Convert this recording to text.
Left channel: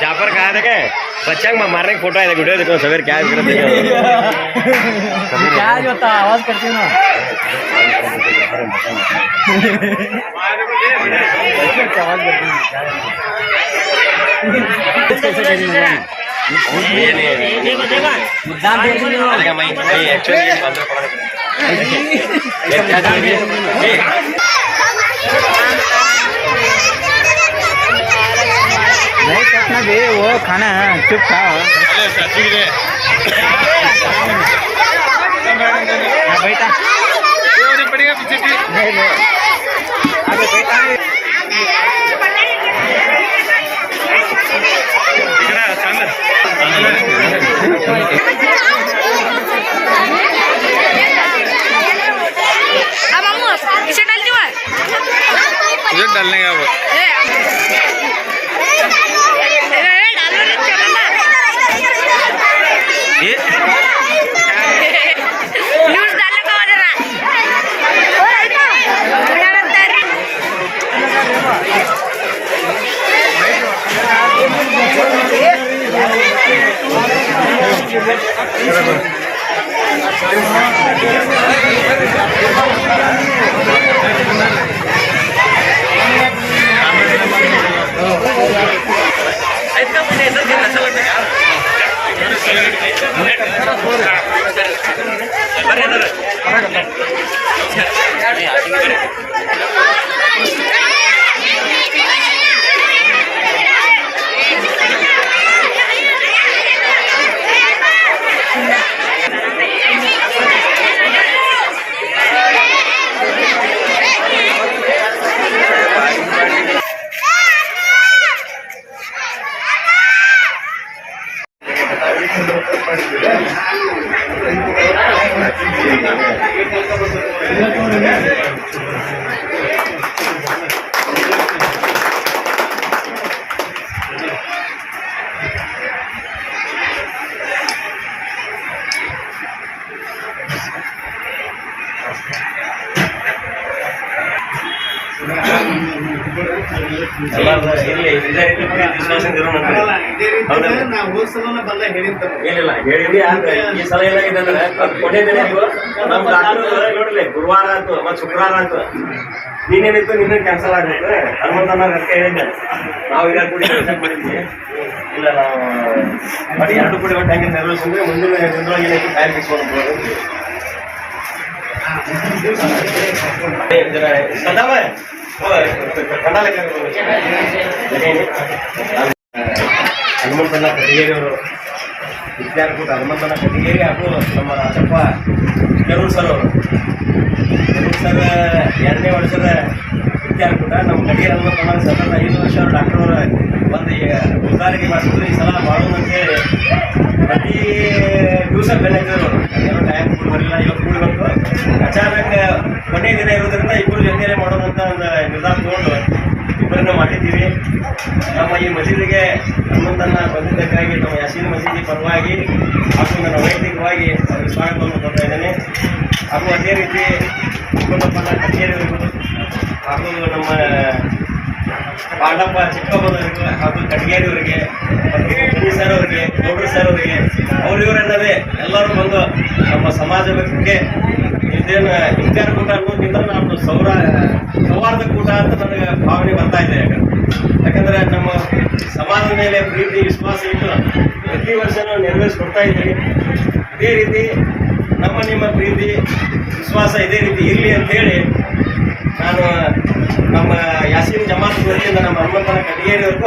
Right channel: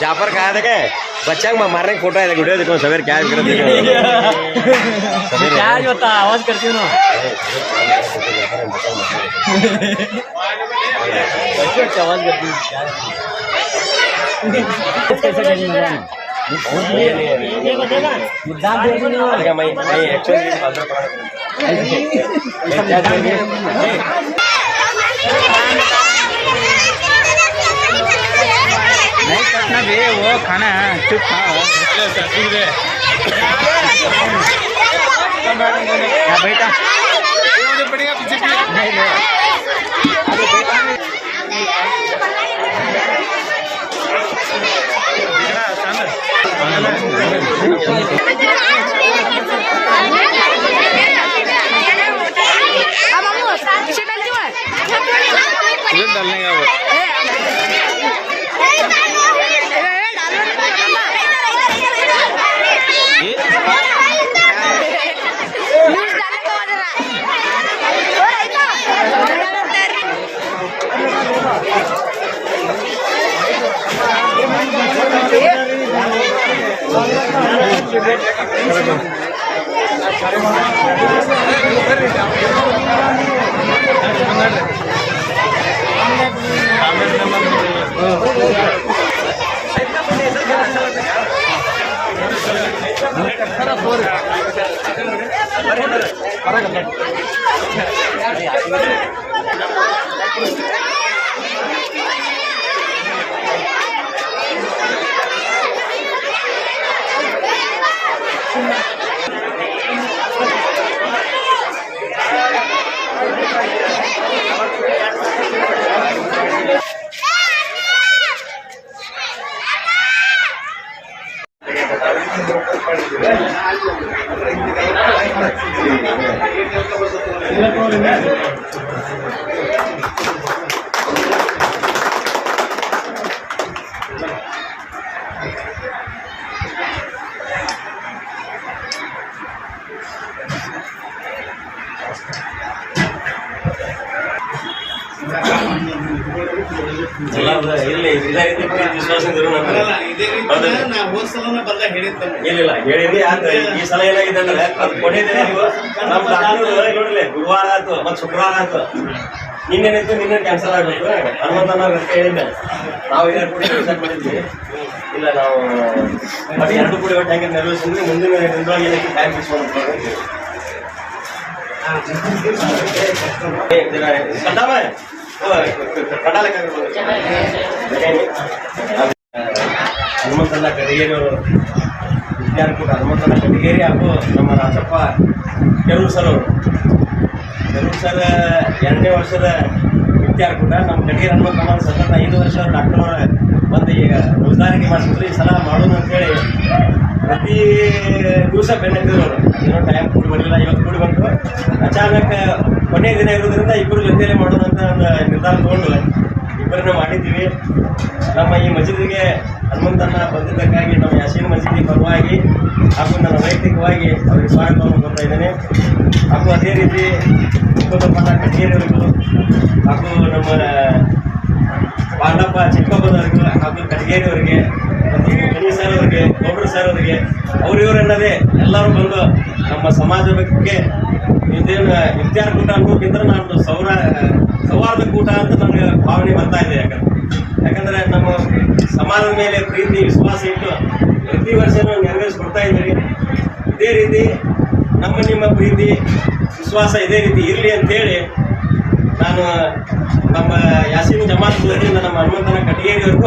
जाफर कहा था क्या बच्चा मारने का फोटो है वीडियो देखो सवेर क्या क्या होता आवाज करती हूँ ना आवाज करती हूँ नहीं करना बे वो खाना चुप खाओ बेटा पड़ेगा पीछे भी नहीं अरे बेटा डालने का वो ये न्यूज़ डालने का ऑर्डर है ಏನಿಲ್ಲ ಹೇಳಿದ್ವಿ ಆದ್ರೆ ಈ ಸಲ ಏನಾಗಿದೆ ಅಂದ್ರೆ ಕೊನೆ ದಿನ ನೀವು ನಮ್ಮ ಡಾಕ್ಟರ್ ನೋಡಿಲ್ಲ ಗುರುವಾರ ಆಯ್ತು ಮತ್ತೆ ಶುಕ್ರವಾರ ಆಯ್ತು ನಿನ್ನೇನಿತ್ತು ನಿನ್ನೆ ಕ್ಯಾನ್ಸಲ್ ಆಗ್ಬೇಕು ಹನುಮಂತನ ಹೇಳಿದ್ದೆ ನಾವು ಇದನ್ನು ಕೂಡಿ ಕೆಲಸ ಮಾಡಿದ್ವಿ ಇಲ್ಲ ನಾವು ಬಟ್ 2 ಕೋಟಿ ಒಟ್ಟು ಹಂಗೆ ನೆರವೇರಿಸಿದ್ರೆ ಮುಂದಿನ ದಿನದೊಳಗೆ ಏನಕ್ಕೆ ಟೈಮ್ ಫಿಕ್ಸ್ ಮಾಡ್ಬೋದು ಹನುಮಂತನ ಕಡಿಗೇರಿಯವರು ವಿದ್ಯಾರ್ಥಿ ಹನುಮಂತನ ಕಡಿಗೇರಿ ಹಾಗೂ ನಮ್ಮ ರಾಜಪ್ಪ ಕೆರೂರು ಸರ್ ಅವರು ಕೆರೂರು ಸರ್ 2ನೇ ವರ್ಷದ ವಿದ್ಯಾರ್ಥಿ ನಮ್ಮ ಕಡಿಗೇರಿ ಹನುಮಂತನ ಸತತ 5 ವರ್ಷ ಅವರು ಡಾಕ್ಟರ್ ಬಂದು ಉದ್ದಾರಿಗೆ ಮಾಡಿಸಿದ್ರು ಈ ಸಲ ಮಾಡೋದು ಅಂತೇಳಿ ಪ್ರತಿ ದಿವಸ ಬೆನ್ನತ್ತಿದ್ರು ಅವರು ಏನೋ ಟೈಮ್ ಕೂಡಿ ಬರಲಿಲ್ಲ ಇವತ್ತು ಕೂಡಿ ಬಂತು ಅಚಾನಕ್ ಕೊನೆಯ ದಿನ ಇರೋದ್ರಿಂದ ಇಬ್ಬರು ಜೊತೆಯಲ್ಲೇ ಮಾಡೋಣ ಅಂತ ಒಂದು ನಿರ್ಧಾರ ತಗೊಂಡು ಇಬ್ಬರನ್ನ ಮಾಡಿದ್ದೀವಿ ನಮ್ಮ ಈ ಮಸೀದಿಗೆ ಹನುಮಂತನ ಬಂದಿದ್ದಕ್ಕಾಗಿ ನಮ್ಮ ಯಾಸೀನ್ ಮಸೀದಿ ಪರವಾಗಿ ಹಾಗೂ ನನ್ನ ವೈಯಕ್ತಿಕವಾಗಿ ಅವರಿಗೆ ಸ್ವಾಗತವನ್ನು ಕೊಡ್ತಾ ಇದ್ದೇನೆ ಹಾಗೂ ಅದೇ ರೀತಿ ಮುಖಂಡಪ್ಪನ ಕಚೇರಿಯವರು ಹಾಗೂ ನಮ್ಮ ಪಾಂಡಪ್ಪ ಚಿಕ್ಕಪ್ಪನವರಿಗೂ ಹಾಗೂ ಕಡ್ಗೇರಿಯವರಿಗೆ ಮತ್ತು ಮಣಿ ಸರ್ ಅವರಿಗೆ ಗೌಡ್ರ ಸರ್ ಅವರಿಗೆ ಇವರೆನ್ನದೇ ಎಲ್ಲರೂ ಬಂದು ನಮ್ಮ ಸಮಾಜ ಬಗ್ಗೆ ಇದೇನು ಇಫ್ತಾರ್ ಕೂಟ ಅನ್ನೋಕ್ಕಿಂತ ನಾನು ಸೌಹಾರ್ದ ಕೂಟ ಅಂತ ನನಗೆ ಭಾವನೆ ಬರ್ತಾ ಇದೆ ಯಾಕಂದರೆ ನಮ್ಮ ಸಮಾಜದ ಮೇಲೆ ಪ್ರೀತಿ ವಿಶ್ವಾಸ ಇಟ್ಟು ಪ್ರತಿ ವರ್ಷನೂ ನೆರವೇರಿಸ್ಕೊಡ್ತಾ ಇದ್ದೀವಿ ಇದೇ ರೀತಿ ನಿಮ್ಮ ಪ್ರೀತಿ ವಿಶ್ವಾಸ ಇದೇ ರೀತಿ ಇರಲಿ ಅಂಥೇಳಿ ನಾನು ನಮ್ಮ ಯಾಸೀನ್ ಜಮಾತ್ ವತಿಯಿಂದ ನಮ್ಮ ಹನುಮಂತನ ಕಟ್ಟಿಗೇರಿವರೆಗೂ